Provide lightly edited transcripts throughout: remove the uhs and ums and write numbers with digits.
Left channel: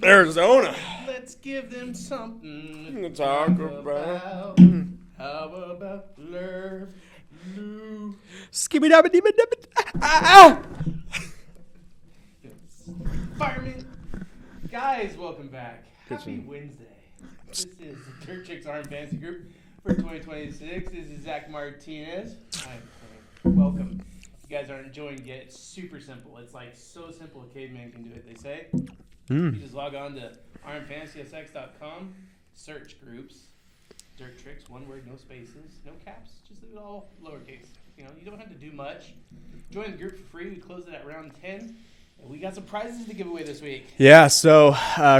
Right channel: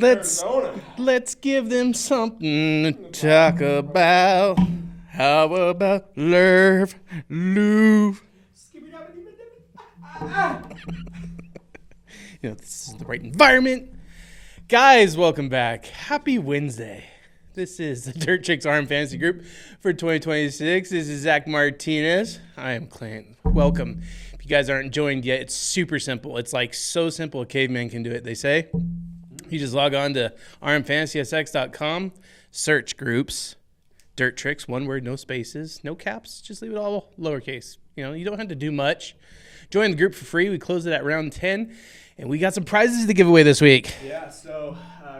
Arizona. Let's give them something to talk about. How about Lerv, Louvre, ow! This is the right environment. Guys, welcome back. Happy Wednesday. This is the Dirt Tricks RM Fantasy Group for 2026. This is Zach Martinez. I am Clint. Welcome. If you guys aren't joined yet, it's super simple. It's like so simple a caveman can do it, they say. You just log on to rmfantasysx.com, search groups, Dirt Tricks, one word, no spaces, no caps, just leave it all lowercase. You know, you don't have to do much. Join the group for free. We closed it at round 10, and we got some prizes to give away this week. Yeah, so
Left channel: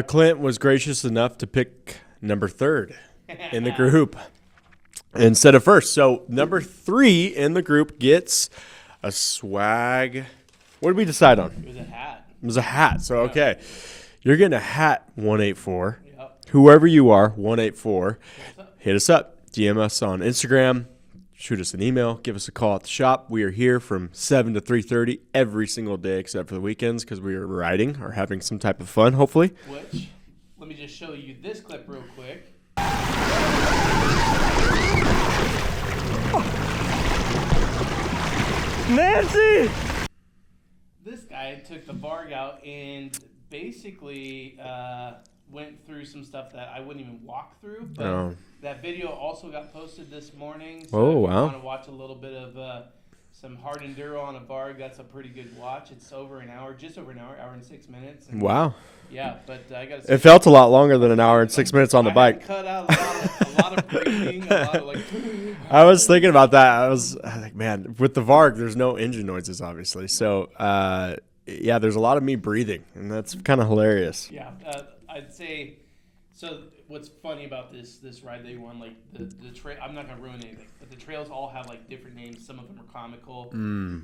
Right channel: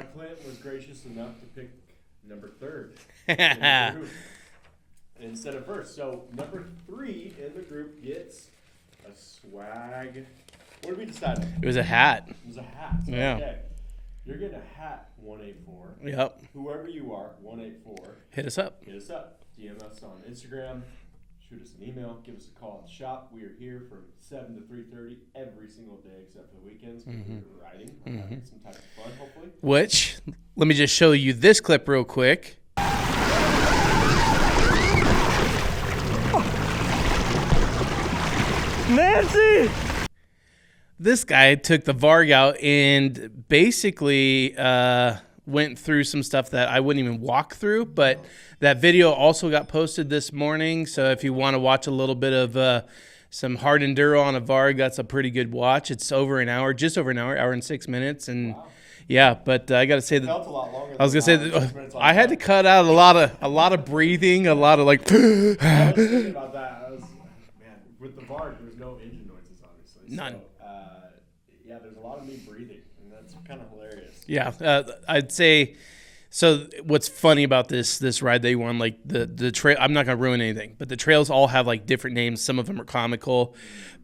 Clint was gracious enough to pick number 3rd in the group instead of first. So number 3 in the group gets a swag. What did we decide on? It was a hat. It was a hat. So, Yeah. okay. You're getting a hat, 184. Yep. Whoever you are, 184. Hit us up. Hit us up. DM us on Instagram. Shoot us an email. Give us a call at the shop. We are here from 7 to 3:30 every single day except for the weekends because we are riding or having some type of fun, hopefully. Which, let me just show you this clip real quick. Nancy! This guy took the Varg out and basically went through some stuff that I wouldn't even walk through. But that video also got posted this morning. So if you want to watch a little bit of some hard enduro on a Varg, that's a pretty good watch. It's over an hour, just over an hour and 6 minutes. And wow. Yeah, but I got to say, it felt a lot longer than an hour and 6 minutes on the bike. I had to cut out a lot of breathing, a lot of like. I was thinking about that. I was like, man, with the Varg, there's no engine noises, obviously. So, yeah, there's a lot of me breathing, and that's kind of hilarious. Yeah, I'd say. So what's funny about this ride that you won, like the trail, I'm not going to ruin anything, but the trails all have like different names. Some of them are comical,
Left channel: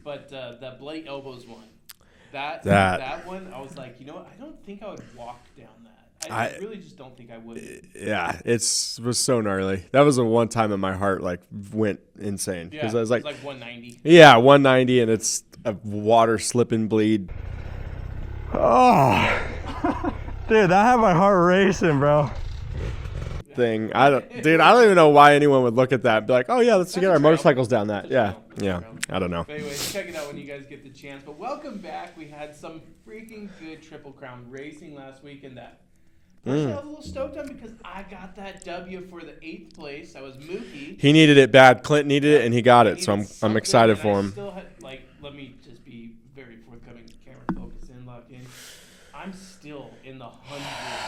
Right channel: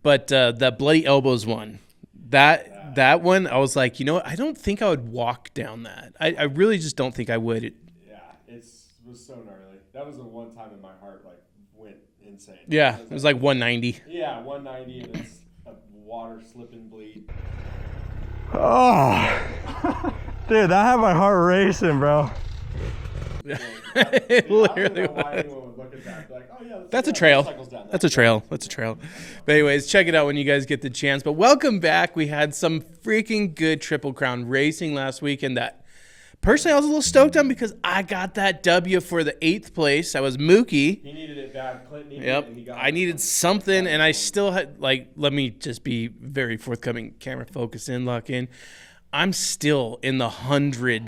but the Bloody Elbows one. That one, I was like, you know what? I don't think I would walk down that. I really just don't think I would. Yeah, it was so gnarly. That was the one time that my heart like went insane. Yeah, it was like 190. Yeah, 190, and it's a water slip and bleed. Oh, dude, that had my heart racing, bro. Thing. I don't even know why anyone would look at that and be like, oh yeah, let's get our motorcycles down that. That's a trail. That's a trail. I don't know. But anyways, check it out when you guys get the chance. But welcome back. We had some freaking good Triple Crown racing last weekend that personally I was a little stoked on because I got that W for the 8th place. That was Mookie. He needed it bad. Clint needed it, and he got it. So I'm excited and for him. I still had, like, let me just be very forthcoming. Camera focus in, lock in. I'm still in the 100,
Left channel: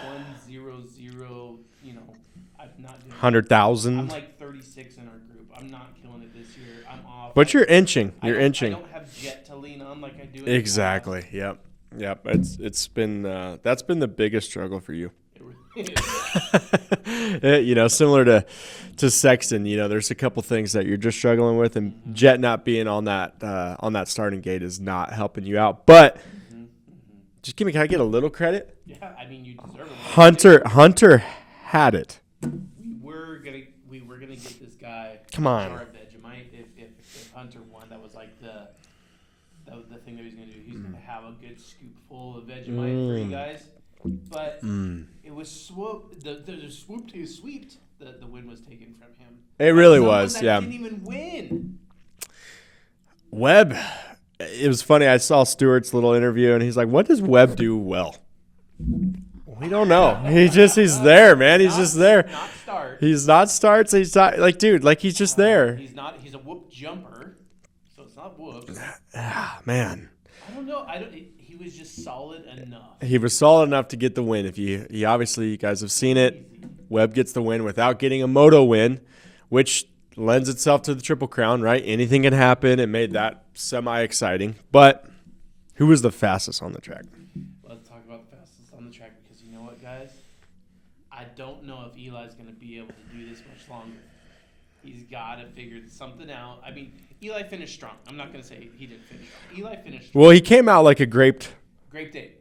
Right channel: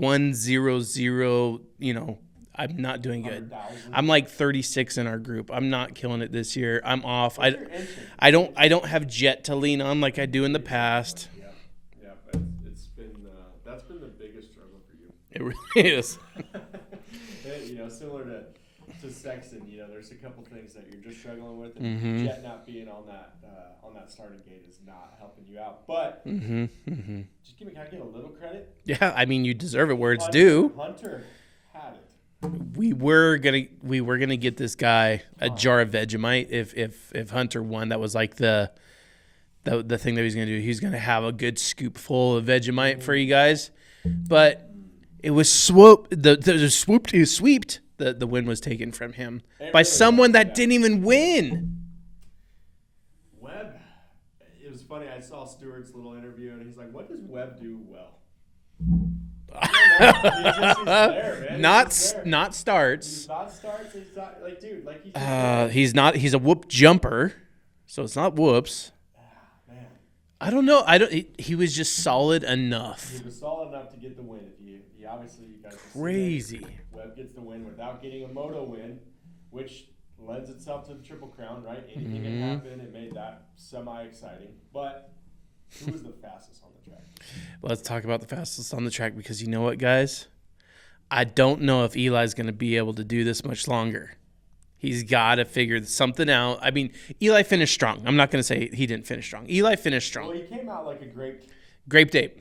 100, you know, I'm not doing 100,000. I'm like 36 in our group. I'm not killing it this year. I'm off. But you're inching. I don't have jet to lean on like I do in the past. Exactly. Yep. It's been that's been the biggest struggle for you. It really is. You know, similar to Sexton. You know, there's a couple things that you're just struggling with, and Jet not being on that starting gate is not helping you out. But just can I get a little credit? Yeah, I mean you deserve it. Where it's due. Hunter had it. We were gonna get this guy a jar of Vegemite if Hunter won. That was like the thing that he was gonna do. He's gonna have a good scoop full of Vegemite for you guys, but it was swooped. He was sweeped. The win was taken from him by someone that didn't even win. Webb. It was funny. I saw Stewart's little interview, and he's like, "What does Webb do well?" I don't know. He's there, man. He's just there. Not starts. He's not starts. He's not like, dude, like he's just there. He's not. He's a whoop jumper, so it's not whoops. Man, I don't know. He was just solid enough. He was solid enough to get the win. He obviously, you guys have seen it. Webb gets the win without getting a moto win, which lends itself to the Triple Crown, right? Anything can happen. It made that semi-exciting. But who was the fastest on the track? Let's talk about the fastest on the track because you know what, guys? I don't know if Eli's going to be able to do this much longer. He's got to figure something out. I mean, Eli finished strong. I'm not going to say he didn't finish strong. Eli finished strong. Well, he came out like a grape ape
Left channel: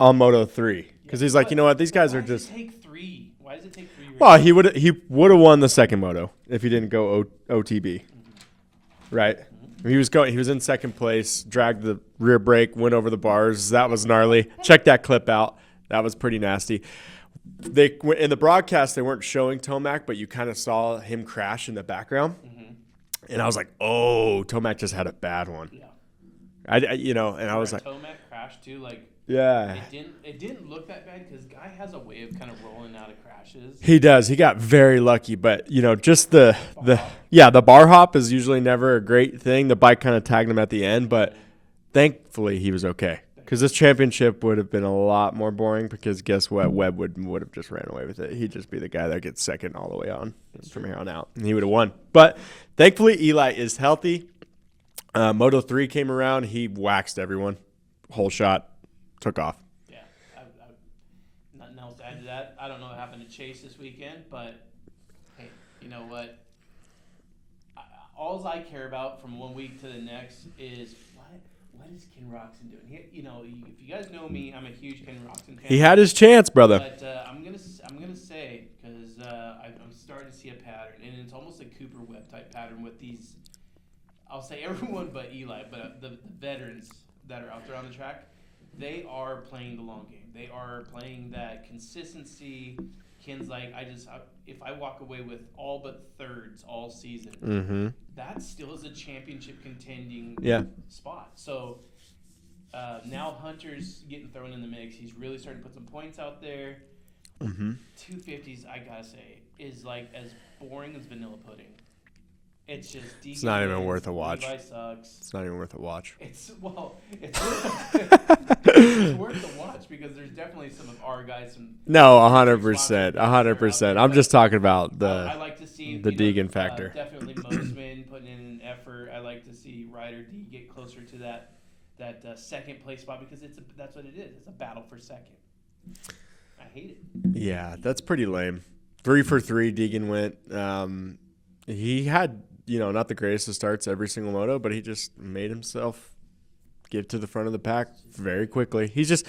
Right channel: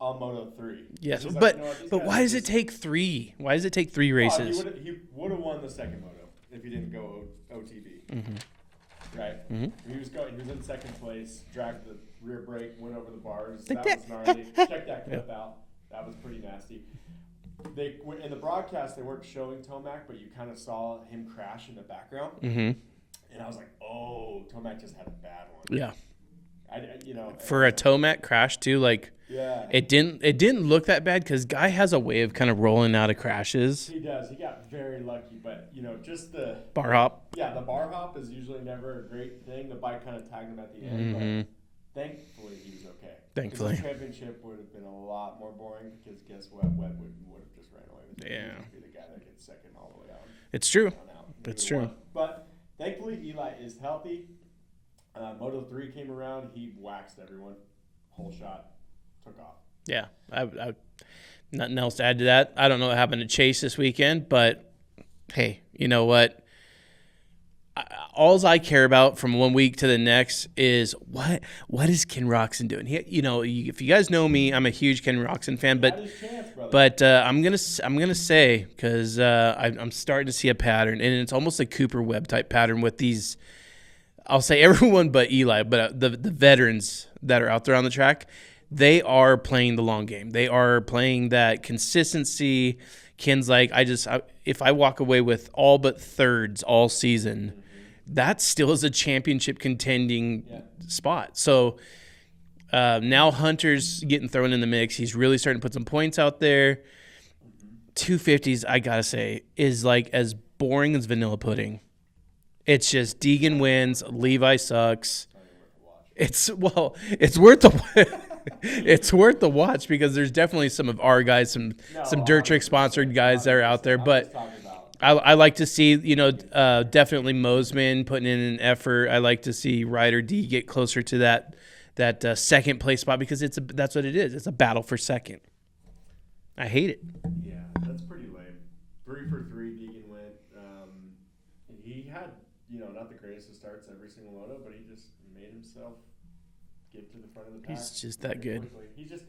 on Moto 3. Yeah, because he's like, you know what, these guys. Why does it take 3? Why does it take 3 races? Oh, he would have won the second moto if he didn't go OTB. Right. He was in second place, dragged the rear brake, went over the bars. That was gnarly. Check that clip out. That was pretty nasty. They in the broadcast they weren't showing Tomac, but you kind of saw him crash in the background, and I was like, "Oh, Tomac just had a bad one." Yeah, and for a Tomac crash too, like it didn't look that bad because Guy has a way of kind of rolling out of crashes. He does. He got very lucky, but just the bar hop. Yeah, the bar hop is usually never a great thing. The bike kind of tagged him at the end, but. Thankfully, he was okay because this championship would have been a lot more boring because guess what? Webb would have just ran away with it. Yeah. He'd just be the guy that gets second all the way on. It's true. On out. And he would have won. But thankfully, Eli is healthy. Moto 3 came around. He waxed everyone. Whole shot. Took off. Yeah. I nothing else to add to that. I don't know what happened to Chase this weekend, but hey, you know what? All I care about from one week to the next is what is Ken Roczen doing? If you guys know me, I'm a huge Ken Roczen fan. He had his chance, brother. But I'm gonna say because I'm starting to see a pattern, and it's almost a Cooper Webb type pattern with these. I'll say everyone but Eli, but the veterans that are out there on the track, they are playing the long game. They are playing that consistency. Ken's like, if I walk away with all but thirds all season, that still is a championship contending spot. So now Hunter's getting thrown in the mix. He's really starting to put some points out there. 250s, I got to say, is like as boring as vanilla pudding. It's just Deegan wins, Levi sucks. It's not even worth a watch. It's worth it's worth the watch because there's definitely some of our guys, some Dirt Trick sponsored guys that are out there. I'm just talking about. I like to see definitely Mosman putting in an effort. I like to see Ryder D get closer to that second place spot because that's what it is. It's a battle for second. I hate it. Yeah, that's pretty lame. 3 for 3, Deegan went. He had. Not the greatest of starts every single moto, but he just made himself get to the front of the pack very quickly. He's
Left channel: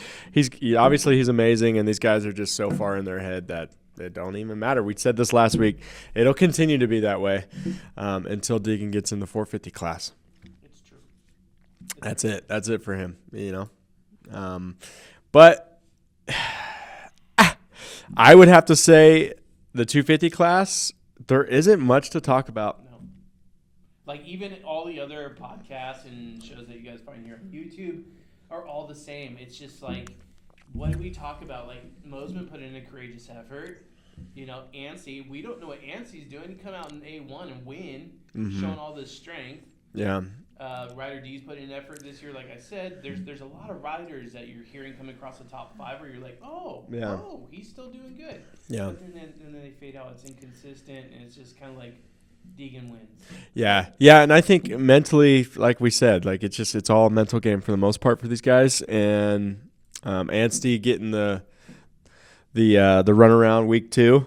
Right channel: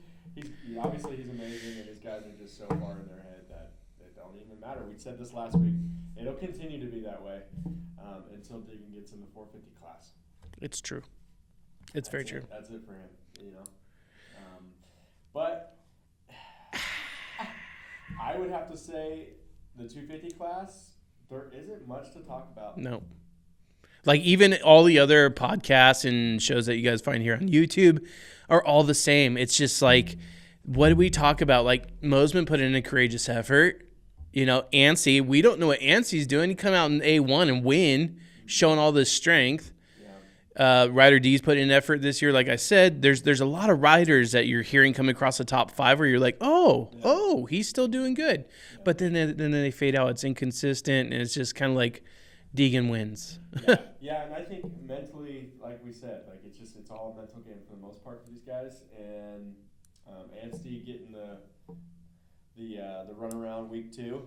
obviously he's amazing, and these guys are just so far in their head that it don't even matter. We said this last week. It'll continue to be that way until Deegan gets in the 450 class. It's true. That's it. That's it for him. But I would have to say the 250 class. There isn't much to talk about. No. Like even all the other podcasts and shows that you guys find here on YouTube are all the same. It's just like, what do we talk about? Like Mosman put in a courageous effort. Ansi, we don't know what Ansi's doing. He come out in A1 and win, showing all this strength. Yeah. Ryder D's put in effort this year. Like I said, there's a lot of riders that you're hearing come across the top 5 where you're like, oh, he's still doing good. Yeah. But then they fade out. It's inconsistent, and it's just kind of like Deegan wins. Yeah, and I think mentally, like we said, like it's all a mental game for the most part for these guys. And Anstey getting the runaround week 2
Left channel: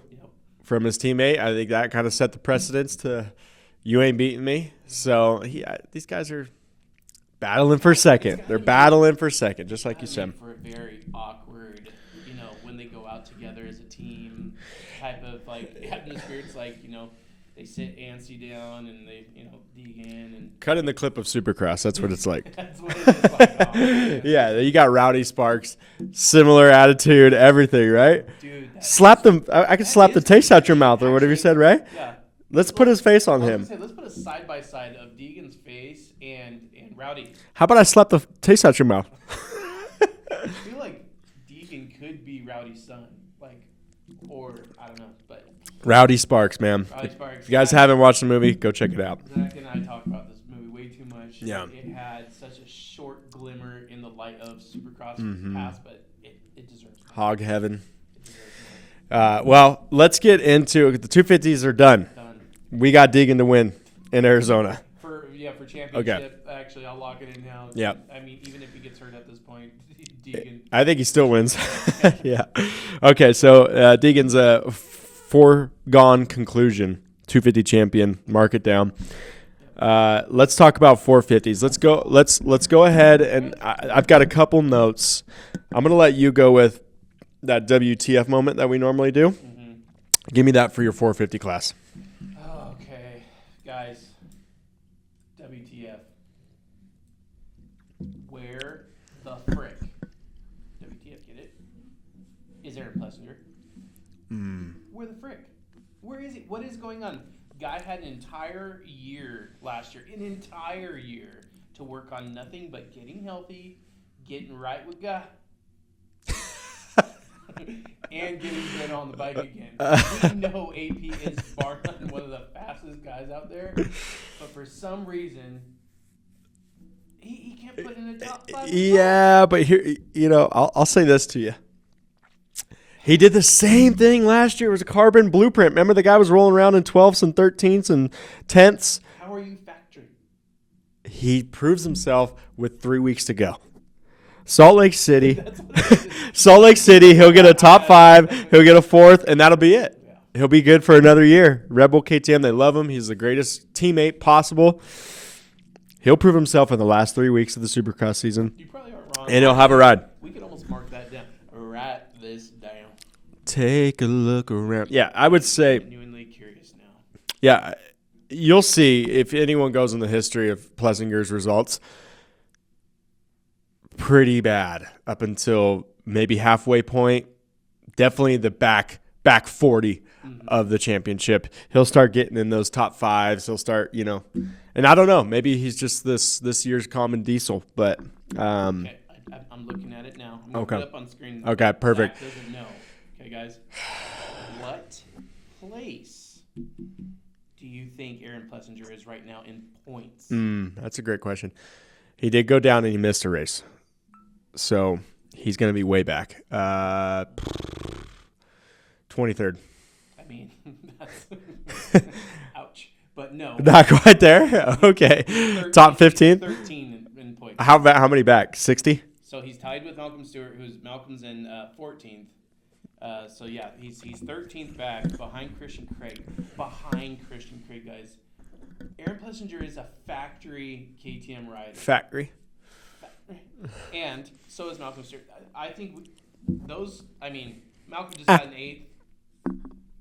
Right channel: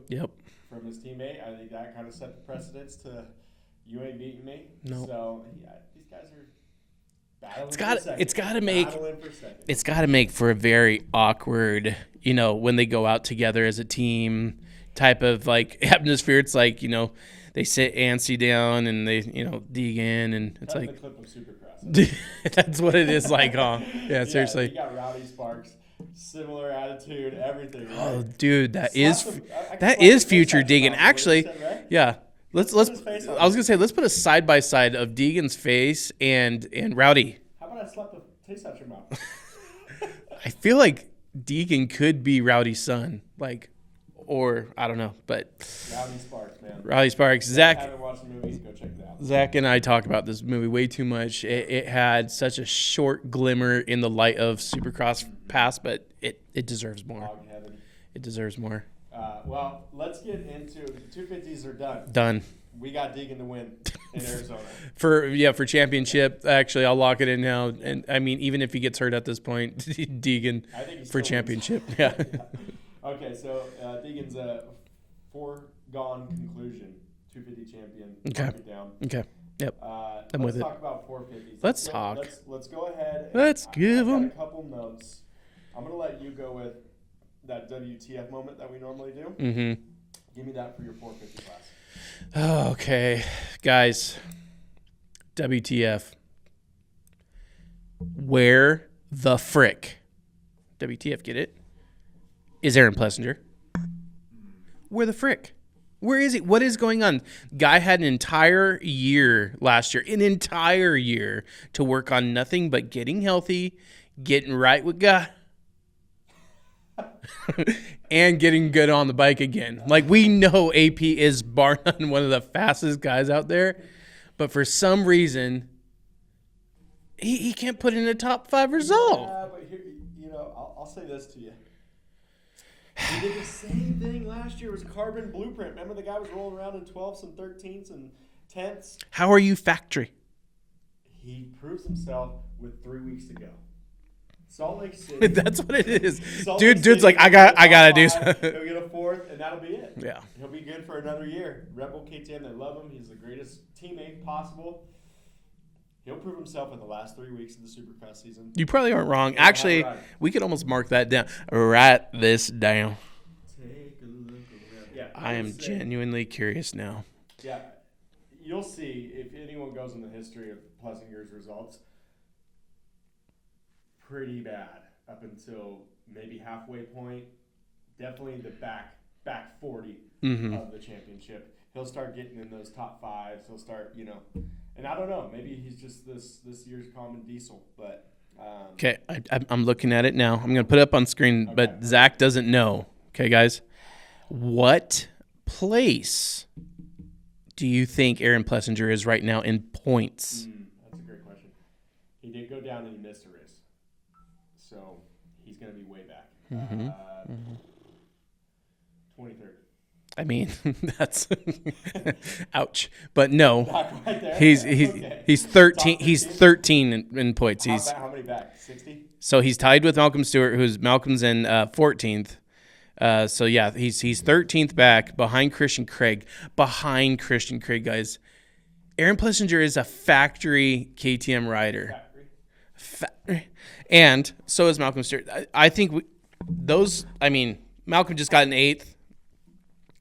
from his teammate, I think that kind of set the precedence to. You ain't beating me. No. So these guys are battling for second. They're battling for second. It's got to make for a very awkward, when they go out together as a team type of like atmosphere. It's like, they sit Ansi down and they, Deegan and cut in the clip of Supercross. That's what it's like. That's what it is like. Yeah, you got Rowdy Sparks, similar attitude, everything, right? Oh, dude, I can slap the taste out your mouth or whatever you said, right? Yeah. Let's put his face on. I was gonna say let's put a side by side of Deegan's face and Rowdy. How about I slap the taste out your mouth? I feel like Deegan could be Rowdy's son, or I don't know, but Rowdy Sparks, man. Rowdy Sparks. You guys haven't watched the movie? Go check it out. Zach and I talk about this movie way too much. Yeah. It had such a short glimmer in the light of Supercross past, but it deserves more. Hog heaven. It deserves more. Well, let's get into it. The 250s are done. Done. We got Deegan to win in Arizona. For championship. Okay. Actually, I'll lock it in now. Yeah. And, I mean, even if he gets hurt at this point, Deegan. I think he still wins. Yeah. Okay, so Deegan's a foregone conclusion. 250 champion. Okay. Mark it down. Okay. Yep. Let's talk about 450s. Let's go ahead and I've got a couple notes. I'm gonna let you go with that WTF moment that we normally do. Mm-hmm. Give me that for your 450 class. Oh, okay, guys. WTF. Where the frick? WTF, get it? is Aaron Plessinger. Where the frick? Where is he? What is going on? Guy had an entire year last year, to work on nothing but getting healthy, getting right with God, and getting good on the bike again. Like, we know AP is bar none one of the fastest guys out there, but for some reason, he can't put in a top 5 result. Yeah, but here, I'll say this to you. He did the same thing last year. It was a carbon blueprint. Remember, the guy was rolling around in 12ths and 13ths and 10ths. How are you factory? He proves himself with 3 weeks to go. Salt Lake City. That's what it is. Salt Lake City, like, he'll get a top 5. He'll get a 4th, and that'll be it. Yeah. He'll be good for another year. Red Bull KTM, they love him. He's the greatest teammate possible. He'll prove himself in the last 3 weeks of the supercross season. You probably aren't wrong. And he'll have a ride. We could almost mark that down. Write this down. Take a look around. Yeah, I would say. Genuinely curious now. Yeah, you'll see if anyone goes in the history of Plessinger's results. Pretty bad up until maybe halfway point. Definitely the back 40 of the championship. He'll start getting in those top 5s. He'll start, and I don't know. Maybe he's just this year's common diesel. But okay, I'm looking at it now. I'm going to put it up on screen. Okay, but perfect. Zach doesn't know. Okay, guys, what place do you think Aaron Plessinger is right now in points? That's a great question. He did go down and he missed a race, so he's going to be way back. 23rd. I mean, that's ouch. But no, not quite there. Okay, he's 13. Top 15. He's 13 in points. How many back? 60. So he's tied with Malcolm Stewart, Malcolm's in 14th. So yeah, he's 13th back behind Christian Craig. Guys. Aaron Plessinger is a factory KTM rider. Factory. And so is Malcolm Stewart. I think Malcolm just got an 8th.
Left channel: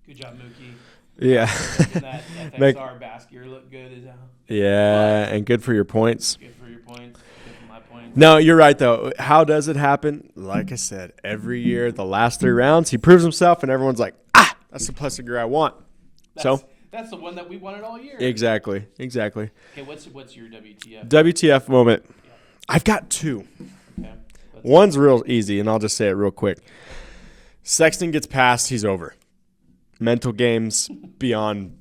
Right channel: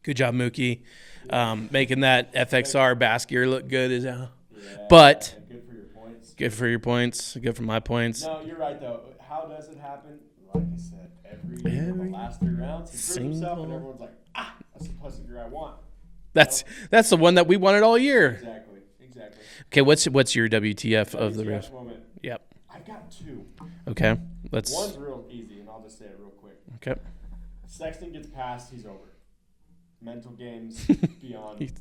Good job, Mookie. Yeah. Making that FXR bass gear look good as hell. Yeah, and good for your points. Good for your points. Good for my points. No, you're right, though. How does it happen? Like I said, every year, the last 3 rounds, he proves himself, and everyone's like, that's the Plessinger I want. That's the one that we wanted all year. Exactly. Okay, what's your WTF? WTF moment. Yep. I've got 2. Okay. One's real easy, and I'll just say it real quick. Okay. Sexton gets passed. He's over. Mental games beyond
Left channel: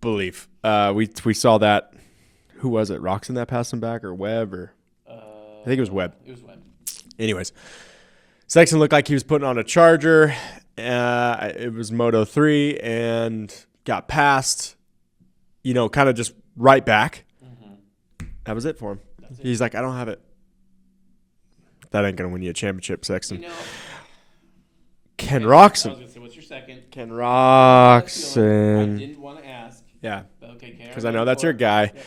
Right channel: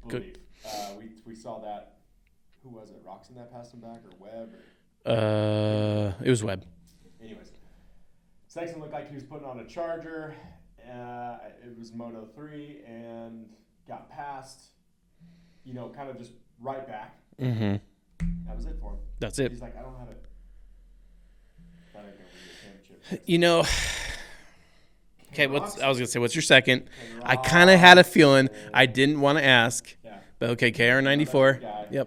belief. We saw that. Who was it? Roxon that passed him back, or Webb, or I think it was Webb. It was Webb. Anyways, Sexton looked like he was putting on a charger. It was Moto 3 and got passed. Kind of just right back. Mm-hmm. That was it for him. That's it. He's like, I don't have it. That ain't gonna win you a championship, Sexton. Ken Roczen. I was gonna say, what's your second? Ken Roczen. I kind of had a feeling. I didn't want to ask. Yeah. But okay, KR94. I know that's your guy. Yep.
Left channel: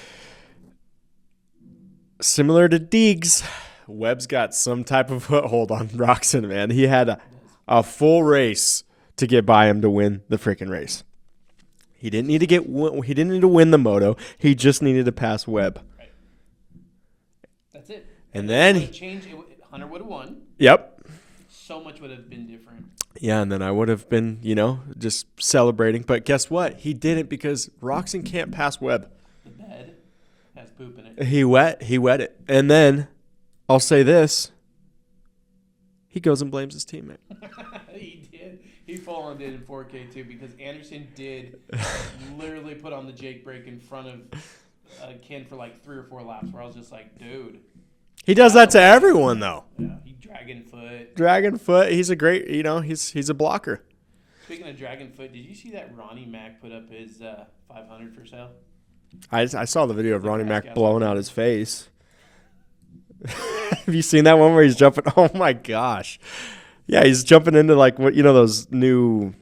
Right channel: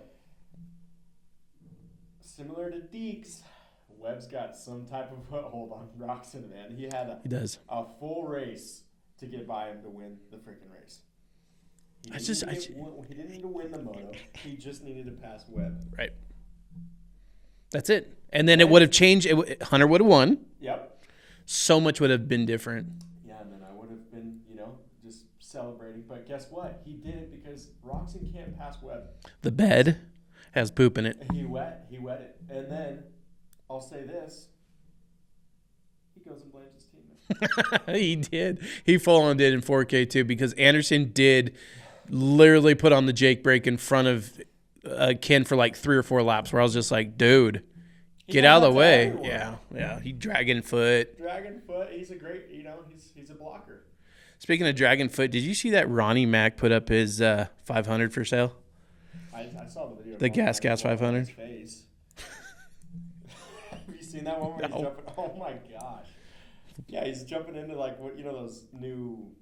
Similar to Deegs, Webb's got some type of foothold on Roczen, man. He had a full race to get by him to win the freaking race. He didn't need to win the moto. He just needed to pass Webb. Right. That's it. And then it would have changed. Hunter would have won. Yep. So much would have been different. Yeah, and then I would have been, just celebrating. But guess what? He didn't, because Roczen can't pass Webb. The bed has poop in it. He wet it. And then I'll say this. He goes and blames his teammate. He did. He full on did in 4K too, because Anderson did literally put on the Jake brake in front of Ken for like 3 or 4 laps, where I was just like, dude. He does that to everyone, though. Yeah, he dragon foot. He's a great, he's a blocker. Speaking of dragon foot, did you see that Ronnie Mac put up his 500 for sale? I saw the video of Ronnie Mac blowing 500. out his face. Have you seen that one where he's jumping? Oh, my gosh. Yeah, he's jumping into those new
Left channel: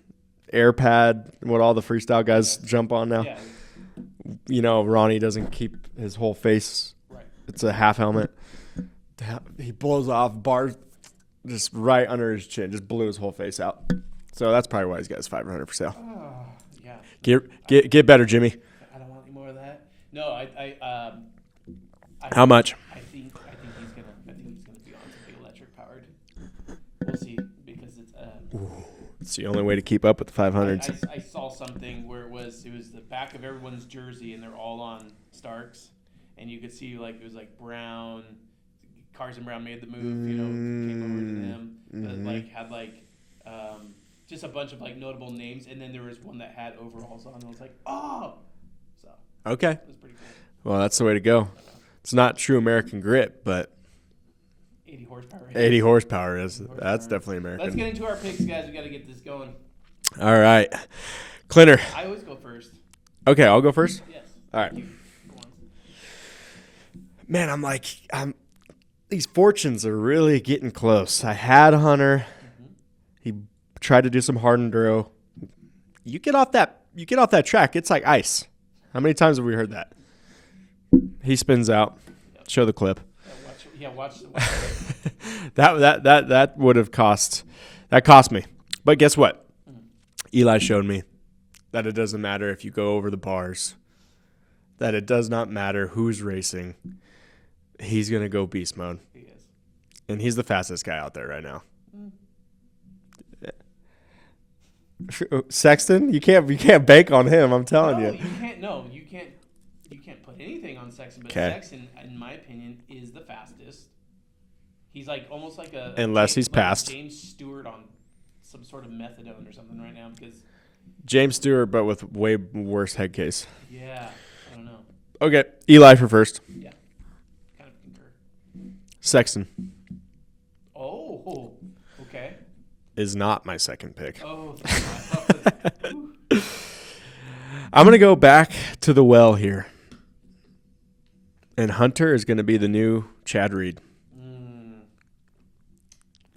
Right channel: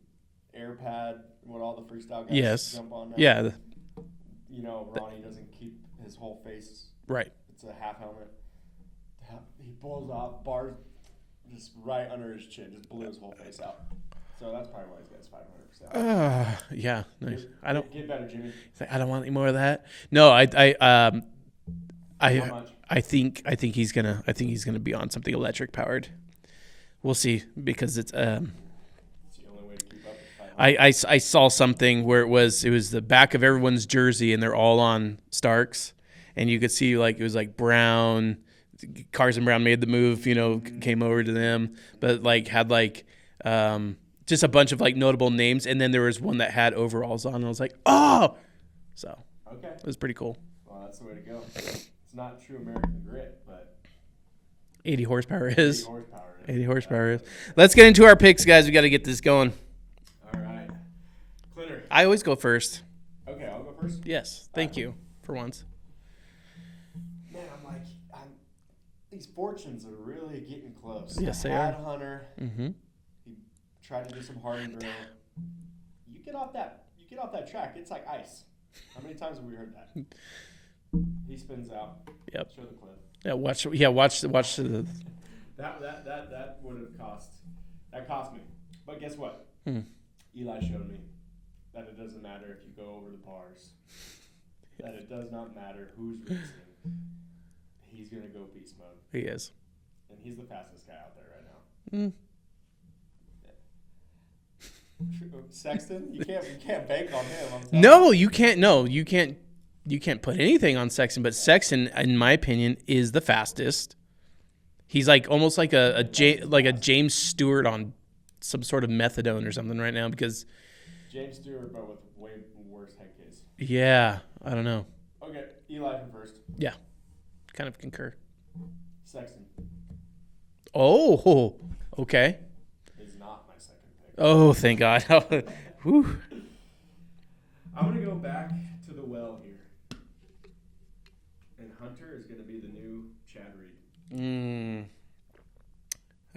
AirPad, what all the freestyle guys jump on now? Yeah. Ronnie doesn't keep his whole face. Right. It's a half helmet. He blows off bars just right under his chin, just blew his whole face out. So that's probably why he's got his 500 for sale. Yeah. Get better, Jimmy. I don't want any more of that. No, how much? I think he's gonna be on something electric powered. We'll see because it's It's the only way to keep up with the 500. I saw something where it was the back of everyone's jersey and they're all on Starks, and you could see like it was like Brown, Carson Brown made the move, came over to them, but like had like just a bunch of like notable names, and then there was one that had overalls on, and I was like, oh, so okay, it was pretty cool. Well, that's the way to go. It's not true American grit, but 80 horsepower is. 80 horsepower is. 80 horsepower. That's definitely American. Let's get into our picks, guys. We got to get this going. All right. Clinter. I always go first. Okay, I'll go first? Yes. All Thank right. you for once. Man, these fortunes are really getting close. I had Hunter. Mm-hmm. He tried to do some hard enduro. You get off that track, it's like ice. How many times have we heard that? He spins out. Yep. Show the clip. Yeah, watch the That would have cost me. But guess what? Eli showed me that it doesn't matter if you go over the bars. That it does not matter who's racing. He's gonna go beast mode. He is. And he's the fastest guy out there right now. Sexton, you can't bank on him. I'm telling you. No, you can't. No, you can't. You can't put anything on Sexton. But Okay. Sexton, in my opinion, is the fastest. He's like almost like a James Stewart on some sort of methadone or something right now because James Stewart, but with way worse head case. yeah, I don't know. Okay, Eli for first. Yeah, kind of concur. Sexton Oh, okay. is not my second pick. Oh, thank God. I'm going to go back to the well here. And Hunter is going to be the new Chad Reed. I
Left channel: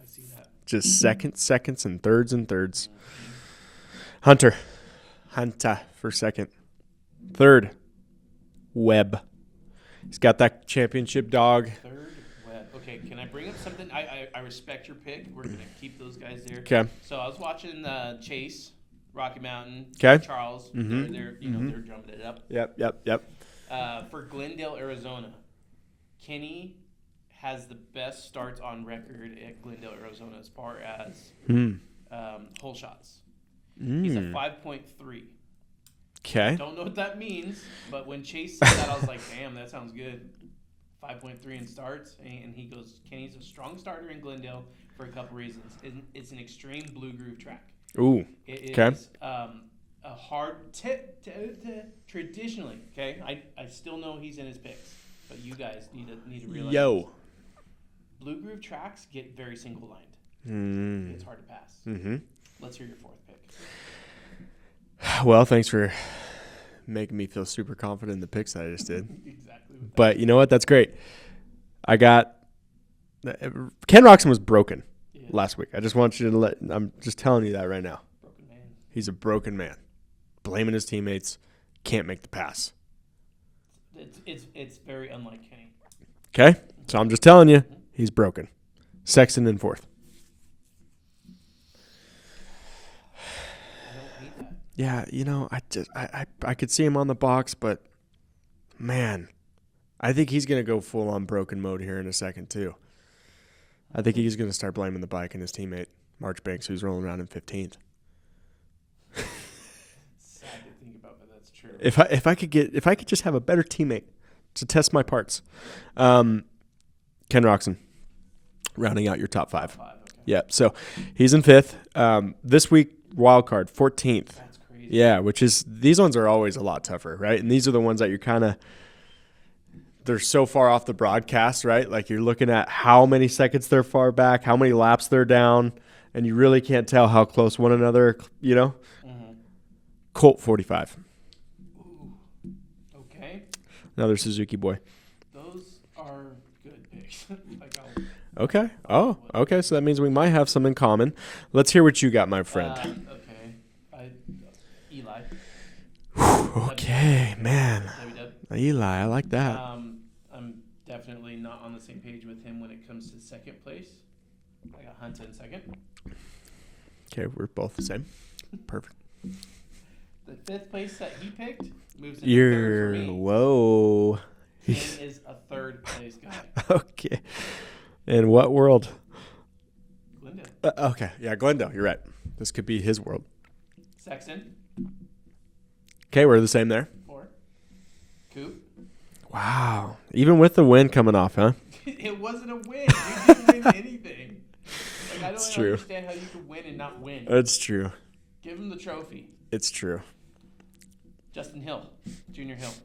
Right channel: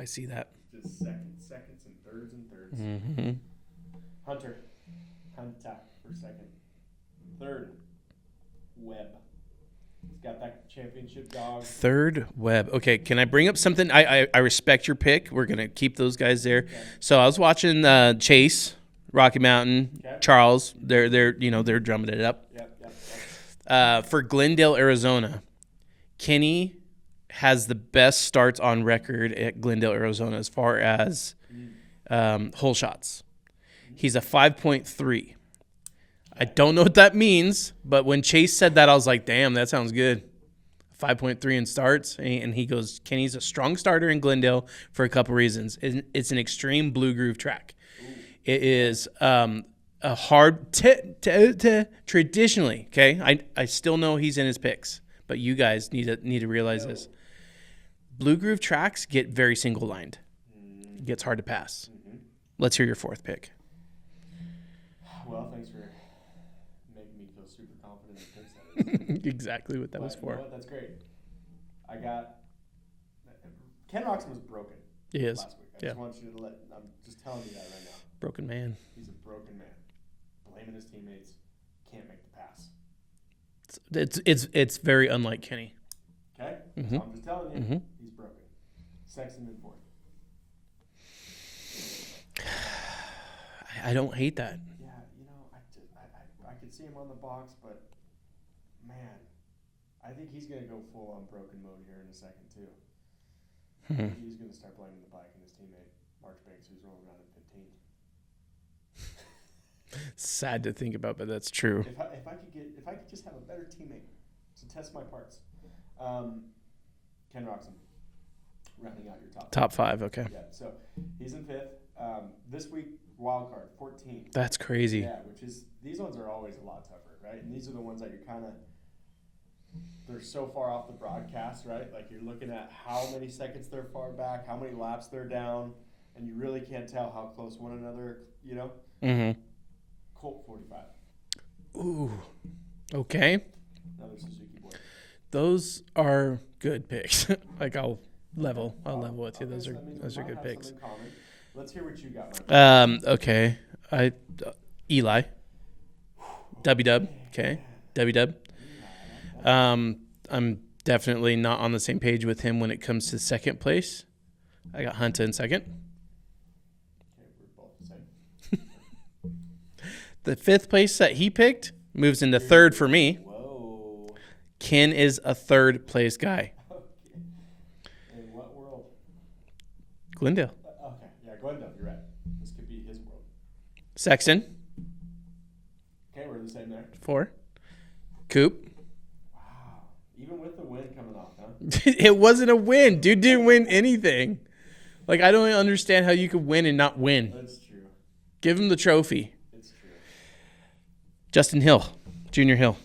see that. Just seconds, and thirds. Mm-hmm. Hunter for second. Third, Webb. He's got that championship dog. Third, Webb. Okay, can I bring up something? I respect your pick. We're going to keep those guys there. Okay. So I was watching Chase, Rocky Mountain, Okay. Charles. They're they're drumming it up. Yep. For Glendale, Arizona, Kenny has the best starts on record at Glendale, Arizona as far as hole shots. He's a 5.3. Okay. I don't know what that means, but when Chase said that, I was like, damn, that sounds good. 5.3 in starts. And he goes, Kenny's a strong starter in Glendale for a couple reasons. It's an extreme blue groove track. Ooh. It is a hard traditionally, okay? I still know he's in his picks, but you guys need to realize this. Blue groove tracks get very single lined. It gets hard to pass. Let's hear your fourth pick. Well, thanks for making me feel super confident in the picks that I just did. Exactly what that But was you know what? That's great. I got Ken Roxon was broken last week. I just want you to I'm just telling you that right now. Broken man. He's a broken man. Blaming his teammates. Can't make the pass. It's very unlike Kenny. Okay? So I'm just telling you, he's broken. Sexton in fourth. I don't hate that. Yeah, I could see him on the box, but man, I think he's gonna go full on broken mode here in a second too. I think he's gonna start blaming the bike and his teammate Marchbanks, who's rolling around in 15th. Sad to think about, but that's true. If I could just have a better teammate to test my parts. Ken Roxon, rounding out your top five. Top five, okay. Yeah, so he's in fifth. This week, wild card, 14th. That's crazy. Yeah, these ones are always a lot tougher, right? And these are the ones that you're kind of, they're so far off the broadcast, right? Like you're looking at how many seconds they're far back, how many laps they're down, and you really can't tell how close one another, Colt 45. Ooh. Okay. Another Suzuki boy. Those are good picks. Okay. Okay. So that means we might have some in common. Let's hear what you got, my friend. Okay. Eli. W-Dub. Okay. Man. W-Dub. Eli, I like that. I'm definitely not on the same page with him when it comes to second place. I got Hunter in second. Okay, we're both the same. Perfect. The fifth place that he picked moves into third for me. Whoa. Ken is a third place guy. Okay. In what world? Glendale. Okay. Yeah, Glendale. You're right. This could be his world. Sexton. Okay, we're the same there. 4. Coop. Wow. Even with the win coming off, huh? It wasn't a win. Dude didn't win anything. Like, I don't It's true. understand how you could win and not win. That's true. Give him the trophy. It's true. Justin Hill. Junior Hill.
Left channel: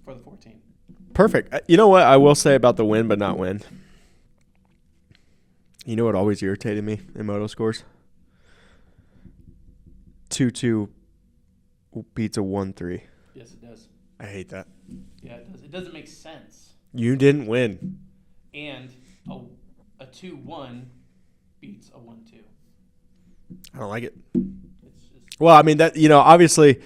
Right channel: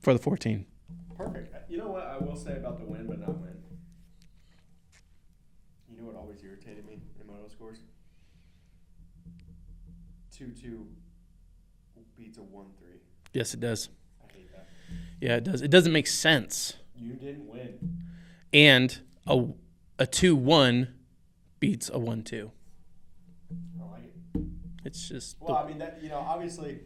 For the 14. Perfect. You know what I will say about the win but not win? You know what always irritated me in moto scores? 2-2 beats a 1-3. Yes, it does. I hate that. Yeah, it does. It doesn't make sense. You didn't win. And a 2-1 beats a 1-2. I don't like it. It's just Well, I mean that obviously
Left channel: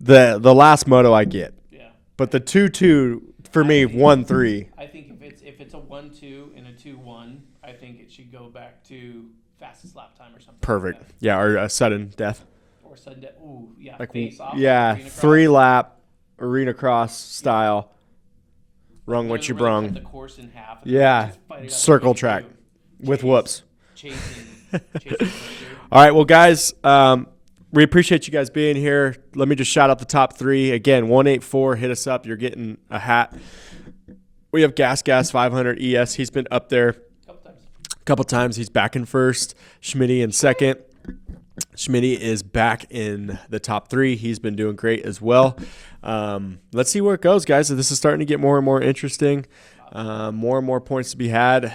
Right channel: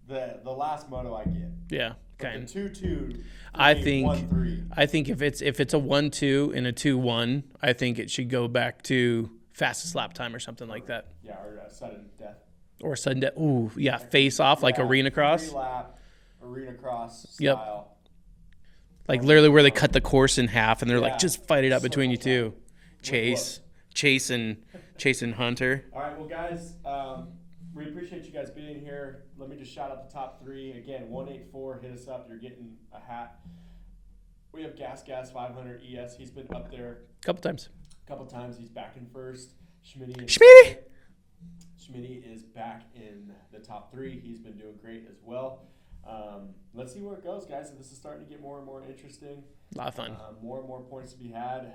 the last moto I get. yeah. But okay. the 2-2 for I me think- 1-3. I think if it's a 1-2 and a 2-1, I think it should go back to fastest lap time or something Perfect. like that. Yeah, or a sudden death. Or sudden death. Ooh, yeah, Like, face off yeah, like arena cross. 3-lap arena cross style. Like Brung literally what where you they brung. cut the course in half and they're Yeah. like, just fight it out Circle between track. you two. With whoops. Chase and Hunter. All right, well, guys, we appreciate you guys being here. Let me just shout out the top 3. Again, 184, hit us up. You're getting a hat. We have Gas 500 ES. He's been up there A couple times. He's back in first. Schmitty in second. Schmitty is back in the top 3. He's been doing great as well. Let's see where it goes, guys. This is starting to get more and more interesting. More and more points to be had.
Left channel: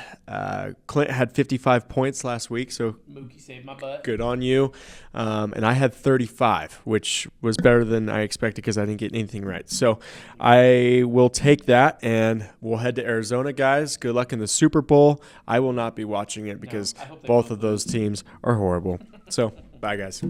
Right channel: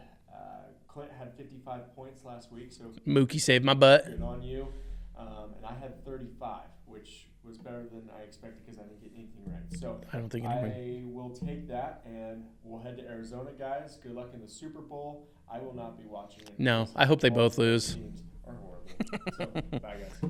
Clint had 55 points last week, so Mookie saved my butt. good on you. And I had 35, which was better than I expected because I didn't get anything right. So I will take that, and we'll head to Arizona, guys. Good luck in the Super Bowl. I will not be watching it No, because I hope they both both of those lose. teams are horrible. So, bye, guys.